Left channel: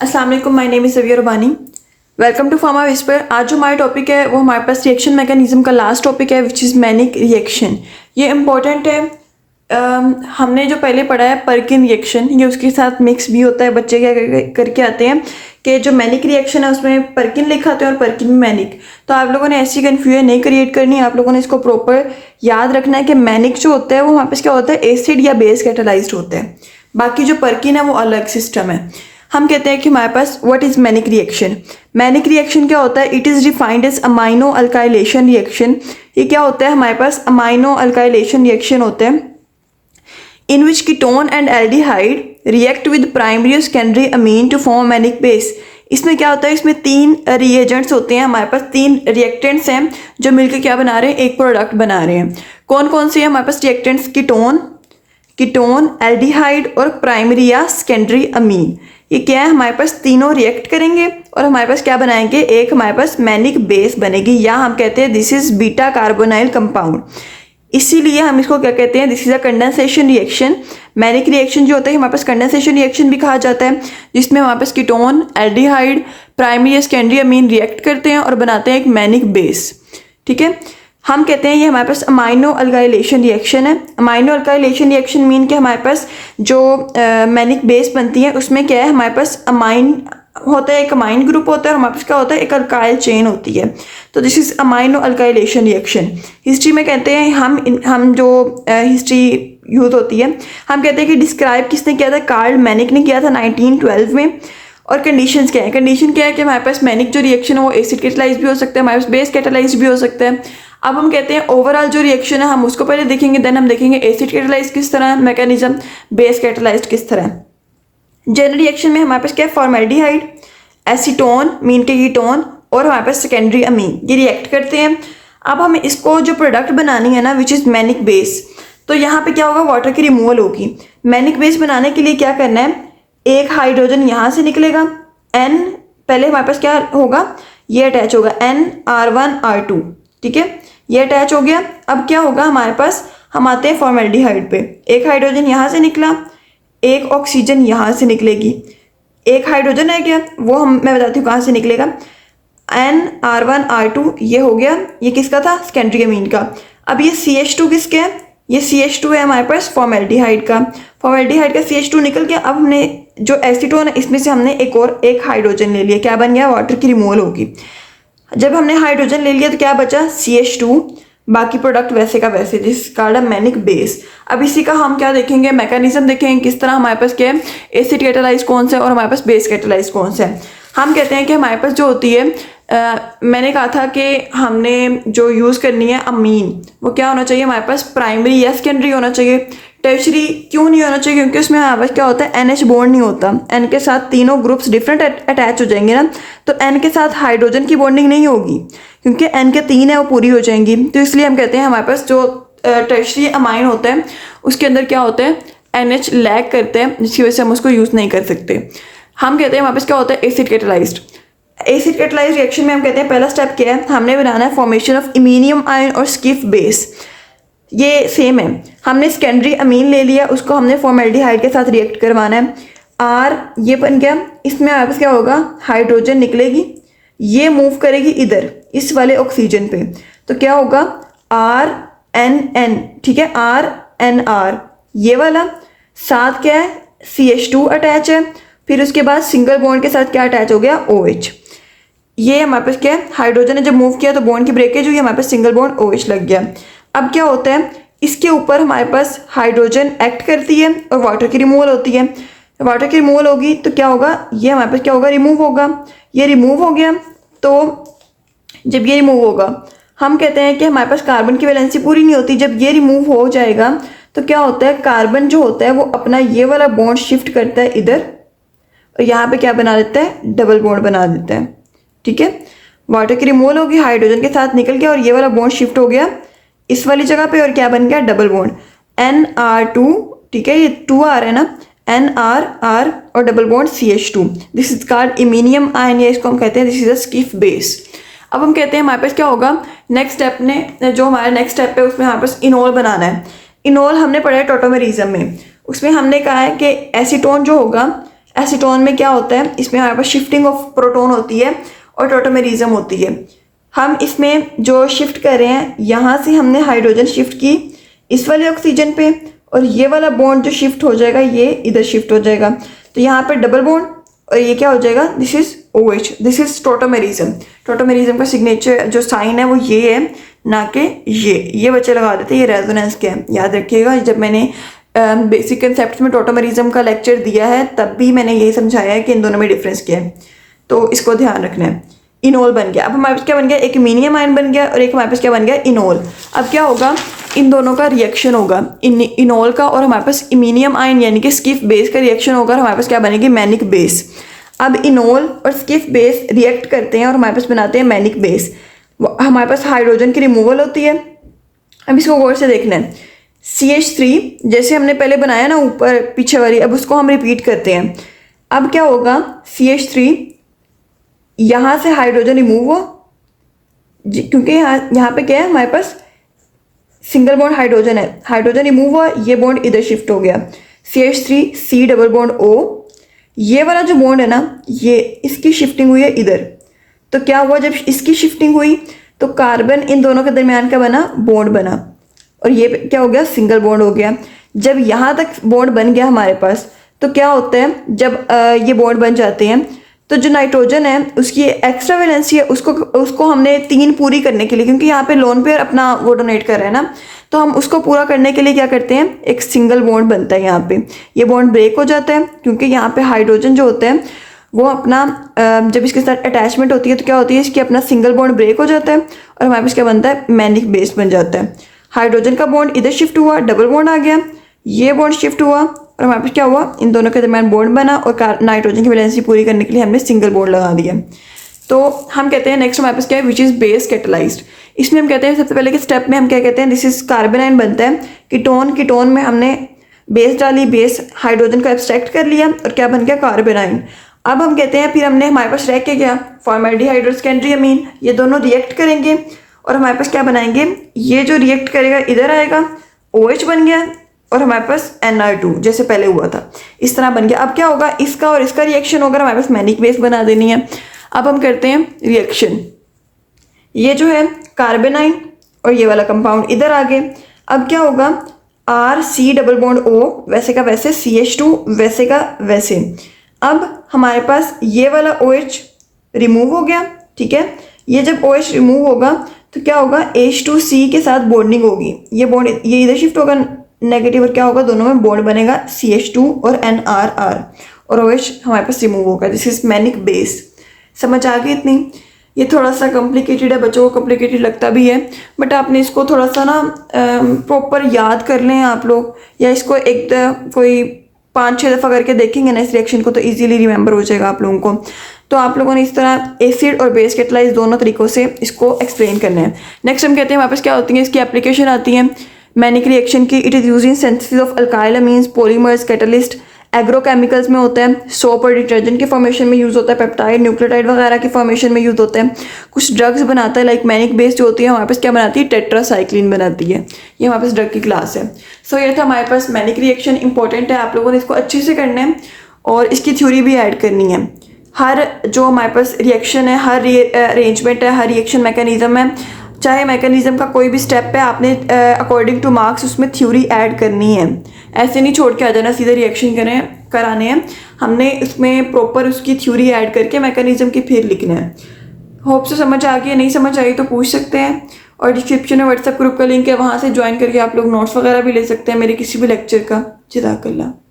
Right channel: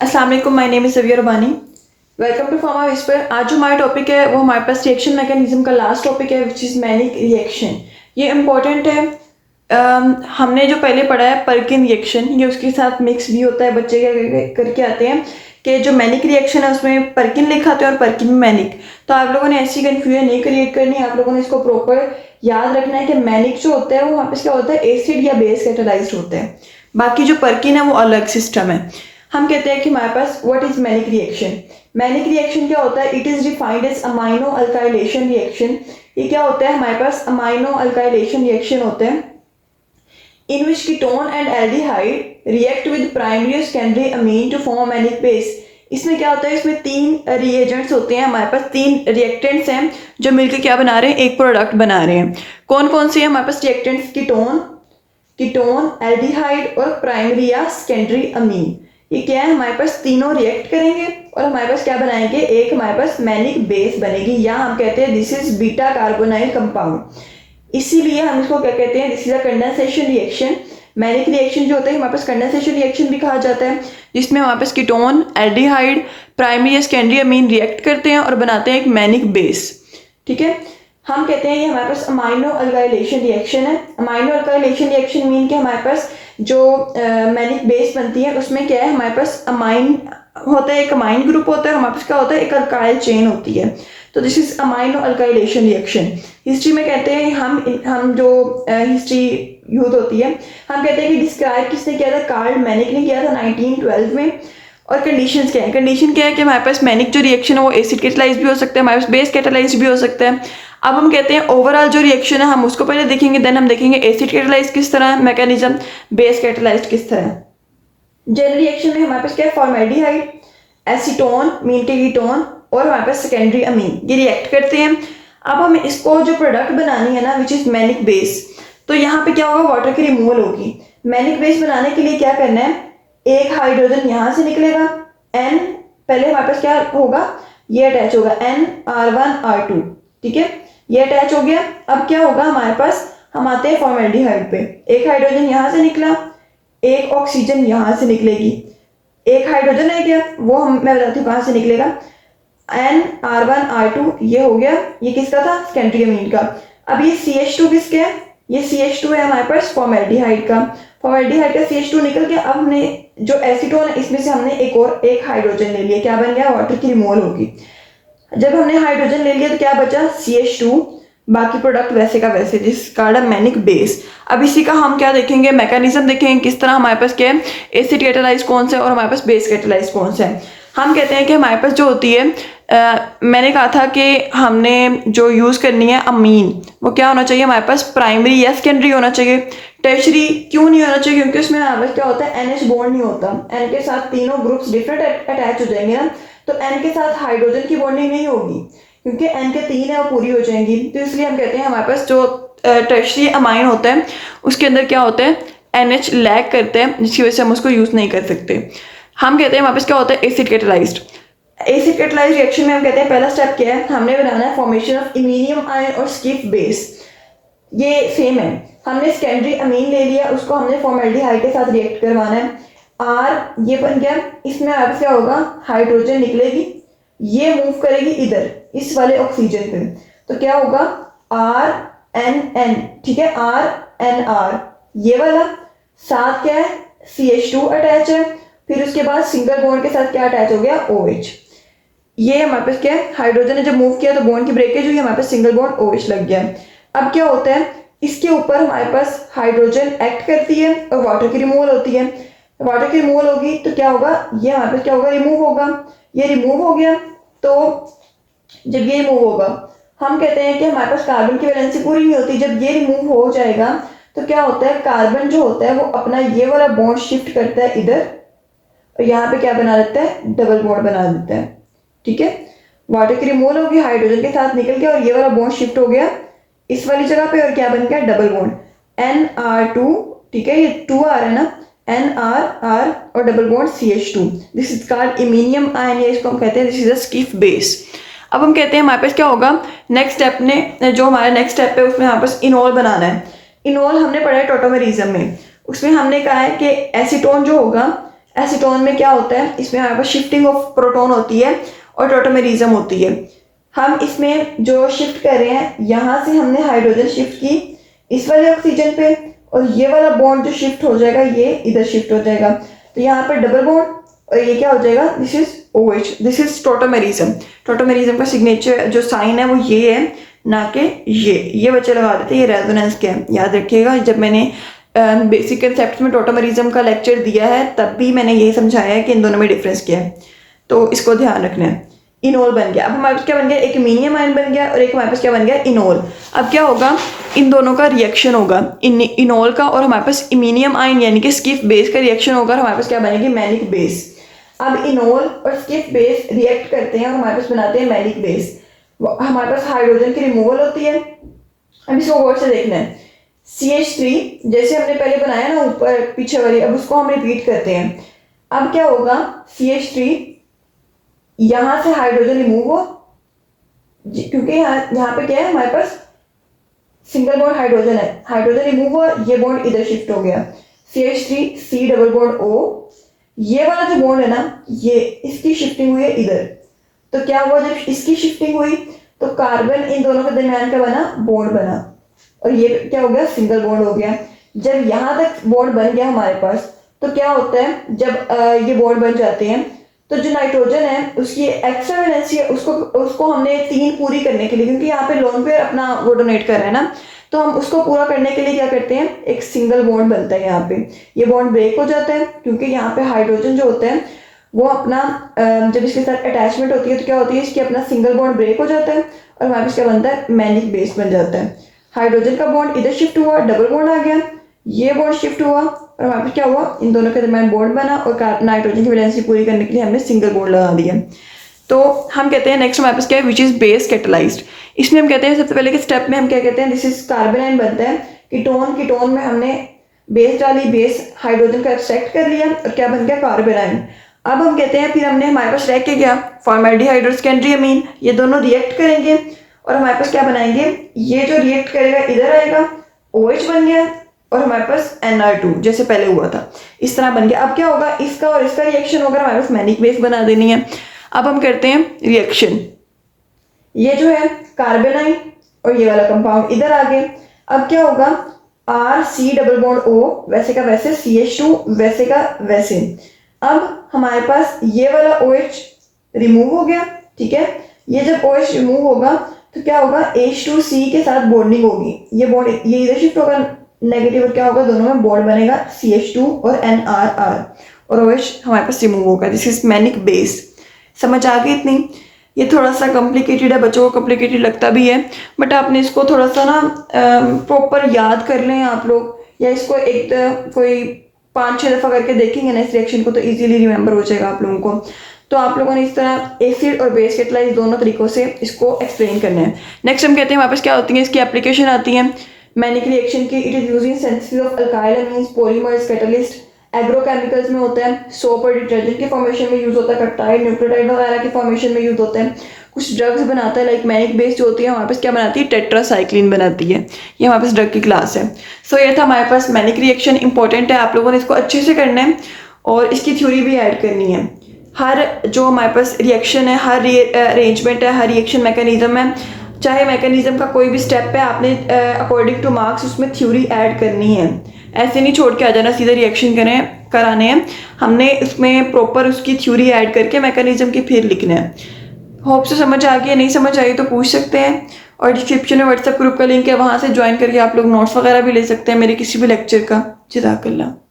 अस्सलाम वालेकुम, my name is Saviya Rabbani. Welcome to Pharma Whisper. आज जो हमारा टॉपिक है वो हमारे पास रिएक्शन मैकेनिज्म का लास्ट टॉपिक है विच इज़ मैनिक रिएक्शन। ये इम्पॉर्टेंट है। हमने जो पहले पढ़ा है पर्किन रिएक्शन, ये उसके साथ मिक्स भी होता है। बच्चे क्या करके आते हैं कि जो मैनिक रिएक्शन है उसमें पर्किन लिखा आता है और पर्किन में मैनिक। तो आप लोगों ने ऐसी कन्फ्यूजन नहीं क्रिएट करनी, आप लोगों ने इसको प्रॉपर याद रखना है कि मैनिक जो होता है वो वहाँ पर क्या होता है, एसिड या बेस कैटालाइज्ड होता है। बाकी जो पर्किन है वो अलग सिस्टम है। हम कहते हैं कि हमारे पास what is Mannich reaction. Mannich reaction क्या होता है? It is defined as amino alkylation reaction. ये क्या होता है? हमारे पास अमाइनो अल्काइलेशन रिएक्शन होते हैं in which ketone and aldehyde react with primary और secondary amine to form Mannich base. इसमें क्या होता है? इसमें तीन रिएजेंट्स होते हैं, हमारे पास तीन रिएक्टेंट्स हैं जो मिलकर क्या बना रहे हैं, एक प्रोडक्ट बना रहे हैं। कौन कौन से हैं हमारे पास रिएक्टेंट्स? कीटोन, एल्डिहाइड और प्राइमरी या सेकेंडरी अमीन। ये क्या है? हमारे पास तीनों रिएक्ट करेंगे और हमारे पास क्या बनाएंगे? एक हमारे पास मैनिक बेस बनेगी, या हम कहते हैं this is beta carbonyl compound. इसीलिए हम इसको क्या कहते हैं? This is a condensation reaction. Mannich reaction जो होता है हमारे पास कंडेंसेशन रिएक्शन भी कहा जाता है, जिसमें हमारे पास कीटोन, एल्डिहाइड, प्राइमरी या सेकेंडरी अमीन रिएक्ट करते हैं और बनाते हैं एक मैनिक बेस। ठीक है, हम कहते हैं ये हमारे पास अमाइनो अल्काइलेशन रिएक्शन है। अमाइनो अल्काइलेशन रिएक्शन मीन कि हमारे पास जो मैनिक बेस बनती है उसमें क्या है, हमारे पास अमाइन होता है, एक अमाइन ग्रुप होता है और हमारे पास क्या होता है, एक अल्काइल चेन होती है। तो this is amino alkylation reaction. History में कहते हैं हम जो हिस्ट्री यूज होती है, हम कहते हैं कि डिस्क्राइब किसने किया था? कार्ल मैनिक ने किया था 1912 में। और कंडीशंस क्या है? कंडीशन क्या है कि हमारे पास मैनिक जो रिएक्शन है वो एसिड कैटालाइज भी हो सकता है, हमारे पास बेस कैटालाइज भी हो सकता है। अब हम कहते हैं ओवरऑल जो रिएक्शन है हम उसको पहले देखेंगे, देन हम देखेंगे एसिड कैटालाइज किस तरह है मैकेनिज्म, बेस कैटालाइज किस तरह है। जनरल रिएक्शन में हमारे पास क्या है? फॉर्मेल्डिहाइड, एसीटोन मीन के कीटोन और हमारे पास सेकेंडरी अमीन, ये रिएक्ट करते हैं। अब हम इसको जो प्रोडक्ट बनानी है ना विच इज मैनिक बेस, तो यहाँ पे क्या होगा? वाटर की रिमूवल होगी। मैनिक बेस बनाने के लिए क्या करना है? एक हाइड्रोजन यहाँ से निकलेगा, एन पहले हमारे पास क्या होगा, ये अटैच होगा NR1R2। ठीक है, ये अटैच हो गया। अब क्या होगा हमारे पास? हम आते हैं फॉर्मेल्डिहाइड पे। एक हाइड्रोजन यहाँ से निकला, एक ऑक्सीजन यहाँ से निकलेगी, एक हाइड्रोजन है क्या वो मैं बताती हूँ कहाँ से निकलेगा। NR1R2 ये हो गया, ये किसका था? सेकेंडरी अमीन का। अब ये CH2 किसके है? ये CH2 है हमारे पास फॉर्मेल्डिहाइड का। फॉर्मेल्डिहाइड का CH2 निकल गया। अब हमने जो एसीटोन है इसमें से हमने एक हाइड्रोजन ले लिया, क्या बन गया? वाटर की रिमूवल होगी। जब हमने हाइड्रोजन ले लिया तो क्या बचा? CH2। बाकी प्रोडक्ट वैसे का वैसे, जिस कार्ड मैनिक बेस। अब इसी का हम क्या देखेंगे? मैकेनिज्म देखेंगे किस तरह हमारे पास क्या है, एसिड कैटालाइज कौन सा है और हमारे पास बेस कैटालाइज कौन सा है। हम कहते हैं कि हमारे पास जो होती है मैंने कहा था कि हमने जो यूज़ करनी है अमीन, वो क्या होना चाहिए? हमारे पास प्राइमरी या सेकेंडरी होना चाहिए। टर्शरी क्यों नहीं होना चाहिए? क्योंकि उसमें हमारे पास क्या होता है? NH बॉन्ड नहीं होता। N के साथ तीनों ग्रुप्स डिफरेंट अटैच हो जाएंगे ना, तो N के साथ हाइड्रोजन की बॉन्डिंग नहीं होगी, क्योंकि N के तीन है वो पूरी हो जाएंगी। तो इसलिए हम कहते हैं हमारे पास जो टर्शरी अमाइन होता है उसके अंदर क्या होता है? NH लैग करते हैं, जिसकी वजह से हम उसको यूज़ नहीं कर सकते। हम कहते हैं हमारे पास क्या होता है? Acid catalysed. Acid catalysed reaction में हम कहते हैं पहला स्टेप क्या है? हमने बनाना है फॉर्मेशन ऑफ इमीनियम आयन और स्किफ बेस। ये सेम है, हमने सेकेंडरी अमीन ले लिया, उसको हमने फॉर्मेल्डिहाइड के साथ रिएक्ट करवाना है। R ये बन गया, इसमें हमारे पास क्या होगा? हाइड्रोजन निकलेगी, ये मूव करेगी इधर इस वाले ऑक्सीजन पे, तो क्या होगा? RNN। ठीक है, RNR ये वाला, साथ क्या है? CH2 अटैच है, फिर उसके बाद सिंगल बॉन्ड के साथ क्या अटैच हो गया? OH। ये हमारे पास क्या है? हाइड्रोजन ने जब मूव किया तो बॉन्ड की ब्रेकेज हुई, हमारे पास सिंगल बॉन्ड OH लग गया। अब क्या होता है? इसके ऊपर हमारे पास हाइड्रोजन एक्ट करती है और वाटर की रिमूवल होती है। वाटर की रिमूवल होगी तो क्या होगा? ये हमारे पास क्या होगा? रिमूव होगा। ये रिमूव हो गया, तो जब ये रिमूव होगा हम कहते हैं कि हमारे पास कार्बन की वैलेंसी पूरी नहीं होती। जब ये रिमूव हो जाएगा तो क्या होता है? कार्बन जो होता है वो अपना ये वाला बॉन्ड शिफ्ट करता है इधर, और यहाँ पे क्या बना देता है? डबल बॉन्ड बना देता है। ठीक है, वाटर की रिमूवल होगी, हाइड्रोजन के साथ निकल गया और ये वाला बॉन्ड शिफ्ट हो गया इस वाली जगह पे, और क्या बन गया? Double bond NR2। ठीक है, ये 2R है ना, NR और double bond CH2। This is called iminium ion, या इसको हम कहते हैं this is a Schiff base. अब हम कहते हैं हमारे पास क्या होगा? नेक्स्ट स्टेप ने जो हमारा नेक्स्ट स्टेप है उसमें हमारे पास इनोल बनाना है। इनोल हमने पढ़ा है टोटोमेरिज्म में, उसमें हमने कहा है कि एसीटोन जो होगा, एसीटोन में क्या होता है, इसमें हमारे पास शिफ्टिंग ऑफ प्रोटॉन होती है और टॉटोमेरिज्म होती है। हम इसमें जो शिफ्ट कर रहे हैं, यहाँ से हमने हाइड्रोजन शिफ्ट की इस वाले ऑक्सीजन पे, और ये वाला बॉन्ड जो शिफ्ट हो जाएगा ये इधर शिफ्ट हो जाएगा, तो यहाँ पे डबल बॉन्ड और ये क्या हो जाएगा, this is OH, this is tautomerism. Tautomerism का सिग्नेचर जो साइन है वो ये है, ना कि ये बच्चे लगा देते हैं ये रेजोनेंस क्या है। याद रखिएगा, जब मैंने बेसिक कंसेप्ट में टॉटोमेरिज्म का लेक्चर दिया है तब भी मैंने यही समझाया है कि इन दोनों में डिफरेंस क्या है, तो इसको ध्यान रखना है। इनोल बन गया, अब हमारे पास क्या बन गया, एक इमीनियम आयन बन गया और एक हमारे पास क्या बन गया, इनोल। अब क्या होगा, इन दोनों का रिएक्शन होगा, इनोल का और हमारे पास इमीनियम आयन यानी कि स्किफ बेस का रिएक्शन होगा और हमारे पास क्या बनेगी, मैनिक बेस। अब इनोल और स्किफ बेस रिएक्ट करते हैं और हमारे पास बनाते हैं मैनिक बेस। हमारे पास हाइड्रोजन की रिमूवल होती है। अब इसको गौर से देखना है, CH3 जैसे हमने पहले बनाया ना ऊपर पीछे वाली, अब उसको हम रिपीट करते हैं। अब क्या होगा, CH3 यहाँ से हाइड्रोजन रिमूव हो, क्योंकि यहाँ पे क्या है, हमारे पास सिंगल बॉन्ड हाइड्रोजन है, हाइड्रोजन रिमूव हुआ, ये बॉन्ड इधर शिफ्ट हो गया, CH3 C double bond O, ये वाला जो बॉन्ड है ना, ये इसकी शिफ्टिंग हुई है इधर। तो क्या हुआ, जब इसकी शिफ्टिंग हुई तो कार्बन इन दोनों के दरमियान का बना, बॉन्ड बना, और ये क्या हो गया, सिंगल बॉन्ड हो गया। जब यहाँ तक बॉन्ड बन गया हमारे पास, तो क्या होता है, जब ये बॉन्ड बन जाते हैं तो जो नाइट्रोजन है उसकी एक्स्ट्रा वैलेंसी है, उसको हमने 3 पूरी करने के लिए, क्योंकि यहाँ पे लोन पेयर अपना वो डोनेट कर रहा है ना, तो हम उसको पूरा करने के लिए क्या करते हैं, एक सिंगल बॉन्ड बनता है यहाँ पे, ये बॉन्ड ब्रेक हो जाता है, क्योंकि यहाँ पे हाइड्रोजन जो होता है वो अपना जब इसके साथ अटैचमेंट होती है तो क्या होती है, इसकी अपना सिंगल बॉन्ड ब्रेक हो जाता है और हमारे पास क्या बनता है, मैनिक बेस बन जाता है। हाइड्रोजन का बॉन्ड इधर शिफ्ट हुआ, डबल बॉन्ड आ गया, ये बॉन्ड शिफ्ट हुआ और हमारे पास क्या हुआ, इन दोनों के दरमियान बॉन्ड बना और नाइट्रोजन की वैलेंसी पूरी करने के लिए हमने सिंगल बॉन्ड लगा दिया। तो हम कहते हैं नेक्स्ट हमारे पास क्या है, विच इज़ बेस कैटलाइज्ड। इसमें हम कहते हैं सबसे पहले के स्टेप में हम क्या कहते हैं, दिस इज कार्बन आयन बनता है, कीटोन में हमने बेस डाली, बेस हाइड्रोजन को एब्स्ट्रैक्ट कर लिया और क्या बन गया, कार्बन आयन। अब हम कहते हैं फिर हमने हमारे पास रह के गया फॉर्मेल्डिहाइड और सेकेंडरी अमीन, ये दोनों रिएक्ट करेंगे और हमारे पास क्या बनाएंगे, ये जो रिएक्ट करेगा इधर आएगा, OH बन गया और हमारे पास NR2 जैसे पहले हुआ था, इस तरह बन गया। अब क्या होगा, इसका और इसका रिएक्शन होगा, हमारे पास मैनिक बेस बना देनी है। अब हम करते हैं रिएक्शन, ये जो है कार्बन आयन और ये वाला कंपाउंड इधर आ गए। अब क्या होगा, RC डबल बॉन्ड O वैसे का वैसे, CH2 वैसे का वैसे। अब हमारे पास ये वाला OH रिमूव हो गया, ठीक है। ये जब OH रिमूव होगा तो क्या होगा, H2C के साथ बॉन्डिंग होगी, ये बॉन्ड ये इधर शिफ्ट होगा नेगेटिव और क्या होगा, दोनों में बॉन्ड बनेगा CH2 और NRR और OH हमारे पास रिमूव होगा, दिस इज मैनिक बेस। समझ आ गई इतनी। ये थोड़ा सा कॉम्प्लिकेटेड है, बच्चों को कॉम्प्लिकेटेड लगता भी है, बट आपने इसको थोड़ा सा ना प्रॉपर याद कर लें आप लोग, या इसको एक कोई 5-6 दफ़ा करके देखेंगे ना इस रिएक्शन को, तो इजीली रिमेंबर हो जाएगा आप लोगों को। तो आप लोगों ने इस तरह एसिड और बेस कैटलाइज दोनों तरीक़ों से इसको एक्सप्लेन करना है। नेक्स्ट हम कहते हैं हमारे पास क्या होती है, इसकी एप्लीकेशन आती है मैनिक रिएक्शन की। It is use in synthesis of alkyl amines, polymers, catalyst, agrochemicals में होता है, सोप और डिटर्जेंट के फॉर्मेशन में यूज़ होता है, पेप्टाइड, न्यूक्लियोटाइड वगैरह के फॉर्मेशन में यूज़ होता है। कुछ ड्रग्स बनाता है, लाइक मैनिक बेस जो होती है हमारे पास क्या बनाती है, टेट्रासाइक्लिन बनाती है। ये हमारे पास ड्रग की क्लास है। सो ये था हमारे पास मैनिक रिएक्शन, इंपॉर्टेंट है, आप लोगों ने इसको अच्छे से करना है और इसकी थ्योरी भी ऐड करनी है। हर जो हमारे पास रिएक्शन है, हर अरेंजमेंट है, हर रिएक्शन मैकेनिज्म है, चाहे मैकेनिज्म का कोई भी स्टेप है, आपने अकॉर्डिंग टू मार्क्स उसमें थ्योरी ऐड करनी है। ऐसे नहीं छोड़ के आ जाना सीधे रिएक्शन कराने हैं, हमने इसमें प्रॉपर उसकी थ्योरी ऐड करके मैकेनिज्म की फिर लिखना है। होप से समझ आ गई, नहीं समझ आई तो पूछ सकते हैं, और डिस्क्रिप्शन में व्हाट्सएप ग्रुप का लिंक है, वहाँ से ज्वाइन करके आप लोग नोट्स वगैरह भी ले सकते हैं मेरे किसी भी लेक्चर का। जज़ाकल्लाह।